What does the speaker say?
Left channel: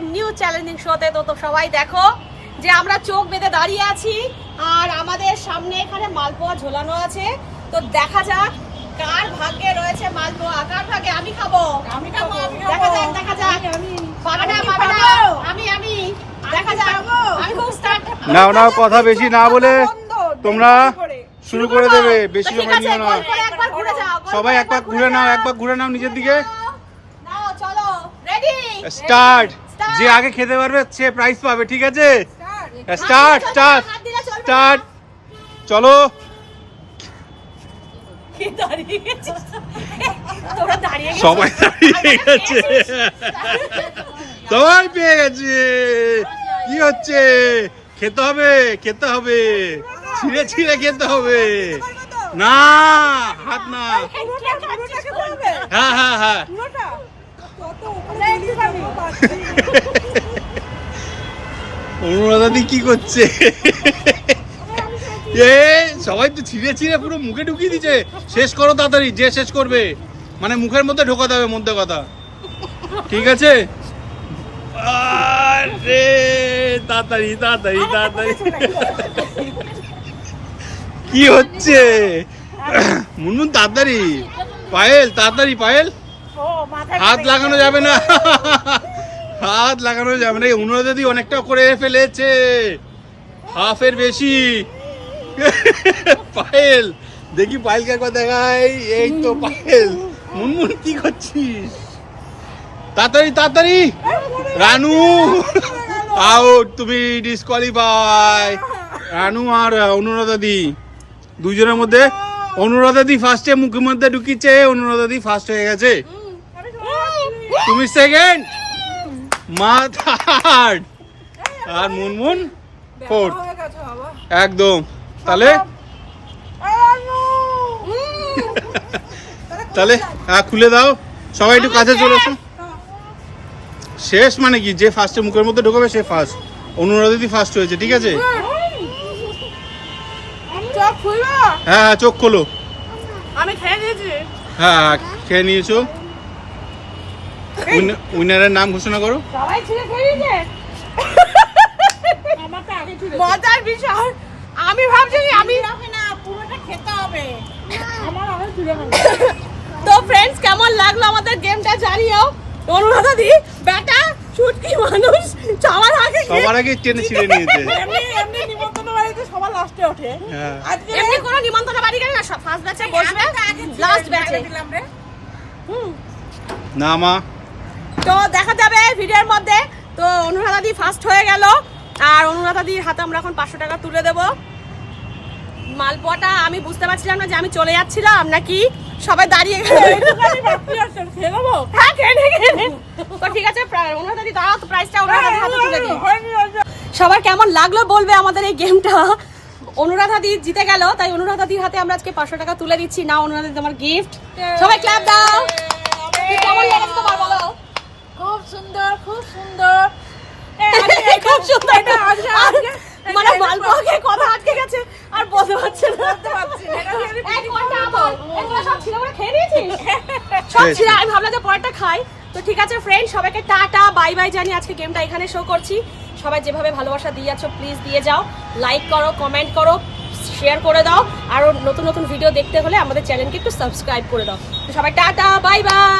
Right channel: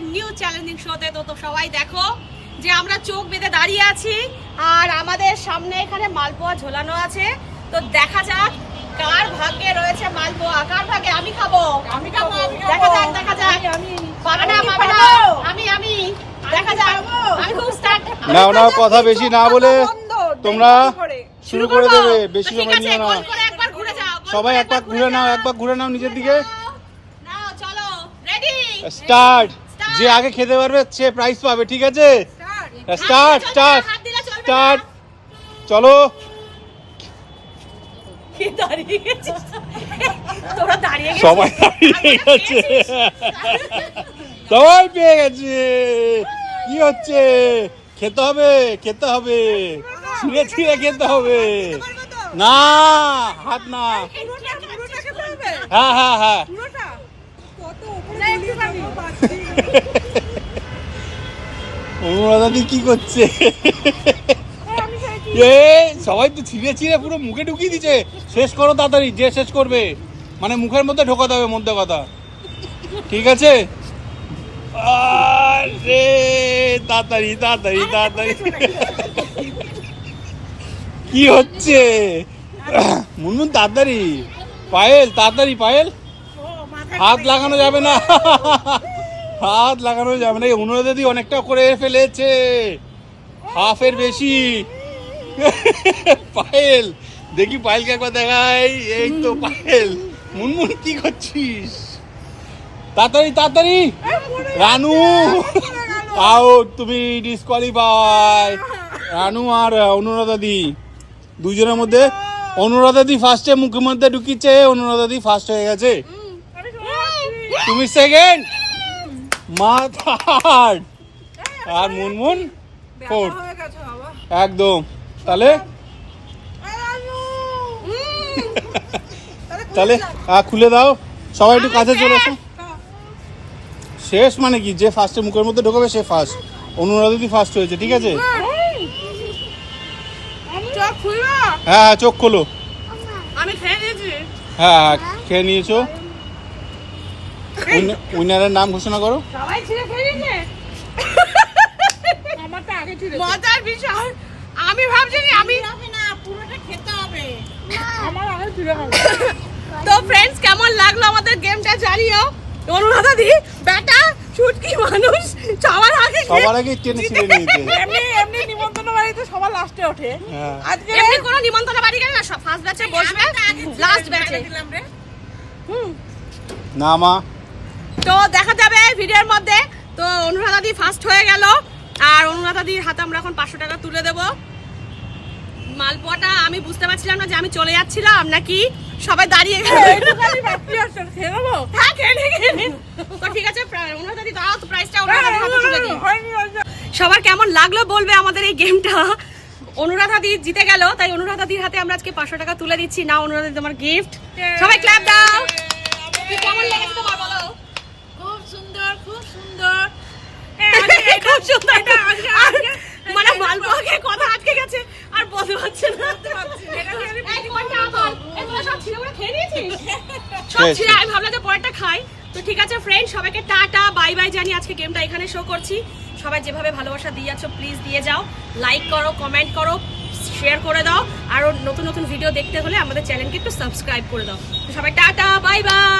আমাদের new challenging শোতে। তো সবাই দেখো যে আমরা চোখ বেঁধে দাঁড়িয়ে আছি আর আমাদের সামনে এখানে মালপোয়া ঝোলানো আছে। তো দেখা যাক কার ভাগ্যে রয়েছে মালপোয়া, কার ভাগ্যে। আমি খাবো, দেখা যাক দেখা যাক। আমি দেখা যাক। আমি খুব স্টার্ট না কথা বেশি না বলে তোমরা শুরু করে দেবে। বেশি ঠিক আছে, গোল করে একবার ঘুরে যাও। সবাই একবার ঘুরে নাও নিজের দিকে। নাও চলো, রেডি স্টার্ট। যে আগে খেতে পারবে সে প্রাইজ পাবে, ঠিক আছে? Start start start. চলো। সবাই দাঁড়িয়ে গেছে, সবাই পেয়ে গেছে। কি হচ্ছে? খেতে হবে খেতে হবে, ছিঁড়ে ছিঁড়ে খেতে হবে। না হাত না। হ্যাঁ হ্যাঁ হ্যাঁ। অনুরাধাদি কি করছে? এ সবাই তো ছিঁড়ে ছিঁড়ে পুরো মুখে ঢুকিয়ে দিচ্ছে। শেষ করো তাড়াতাড়ি, যে শেষ করবে মানে মুখের মধ্যে ঢোকাতে হবে মধ্যে কথা, ঠিক আছে? আরে তাড়াতাড়ি তাড়াতাড়ি তাড়াতাড়ি। কি হচ্ছে? মুনমুন তাড়াতাড়ি। পায়েল তাড়াতাড়ি, পায়েল হাত লাগানো যাবে না, হাত লাগানো যাবে না। অনুরাধাদি অনেকটা করে ফেলেছে, হাফের বেশি। পায়েল দেখি, পায়েলকে একবার দেখাই। এই তো পায়েল। মুনমুন কি করছিস? তাড়াতাড়ি তাড়াতাড়ি। রানু আউট, তুমি ডিসকোয়ালিফাই। রানু আর অনুরাধাদি দুজনের মধ্যে অনুরাধাদি ফার্স্টে মুখের মধ্যে ঢুকিয়েছে, অনুরাধাদি ফার্স্ট হয়ে গেছে। তুমি সেকেন্ড, মা থার্ড, আর মুনমুন ফোর্থ। একদম। তাহলে তাহলে খুলে দাও, সবাই একটু কাছে চলে এসো। শেষ মানে কি, যে ফার্স্টে মুখের মধ্যে ঢোকাবে সে ফার্স্ট। অনুরাধাদি ফার্স্ট হয়েছে, ঠিক আছে? হ্যাঁ হ্যাঁ চোখ খোলো। আমি খেয়ে নিয়েছি। হ্যাঁ খেয়ে নিয়েছো। উইনারের নাম ঘোষণা করো। সবাই ছিঁড়ে খেয়েছে। আমারটা আগে ছিঁড়ে। মজার বিষয়, আমি ভাবছি আমি না পুরোটা খেতে হবে। আমার আগে ছিঁড়ে খাবে। তো ফ্রেন্ডস, কেমন লাগলো আমাদের গেমটা জানিও। অনুরাধাদি বেটা শুটকি মানুষ সবার আগে টেনে ছিঁড়ে নিয়েছে। এমনি নিমন্ত্রণ বাড়িতে সবার লাস্টে ওঠে। আজকে এমনি কোনো নিমন্ত্রণ বাড়ি গেলে না ফার্স্ট ব্যাচে বসবে, লাস্ট ব্যাচে দিলাম রে। না মা। তো দেখা যাবে ভিডিওর মধ্যে। তো অনুরাধাদি ফার্স্ট হয়ে গেল আর অনুরাধাদির হাতে আমরা এখন 500 টাকা তুলে দেব। মালপোয়াটা আমি বুঝতে পারছিলাম না যে আমি চলে যাচ্ছিলাম নাকি সবাই দাঁড়িয়ে গেল। হ্যাঁ খেয়ে। তো ঠিক আছে, অনুরাধাদি দাঁড়াও, তো প্রাইসটা অনুরাধাদির হাতে তুলে দিই। সবার কেমন লাগলো বলবে আমাদের এই গেমটা। অনুরাধাদি জিতে গেল, তাই অনুরাধাদির হাতে আমরা আজকে 500 টাকা তুলে দিচ্ছি। না অনুরাধাদি, তোমার গিফট। সবাই ক্ল্যাপ দাও। কেমন লেগেছে তোমার বলো? খুব সুন্দর খুব সুন্দর। খুব সুন্দর। মানে মালপোয়াকে কথা আটকে গেছে আর বলতে পারছে না। সব ছিল বলে খেয়ে নিয়েছিস? সব ছিল, আমি ভাবলাম যে পরেরটা খাই। তো ঠিক আছে ফ্রেন্ড, সবাইকে টাটা বাই বাই জানি। আজকে গেমটা এখানে শো করছি। সবাই যেভাবে ভালোবাসা দিয়ে যাচ্ছ প্লিজ দিয়ে যাও। লাইক করো, কমেন্ট করো, শেয়ার করে দাও। আর নতুন নতুন ভিডিও দেখতে হলে আমাদের চ্যানেলকে একটু সাবস্ক্রাইব করে দাও। তো সবাই টাটা বাই বাই।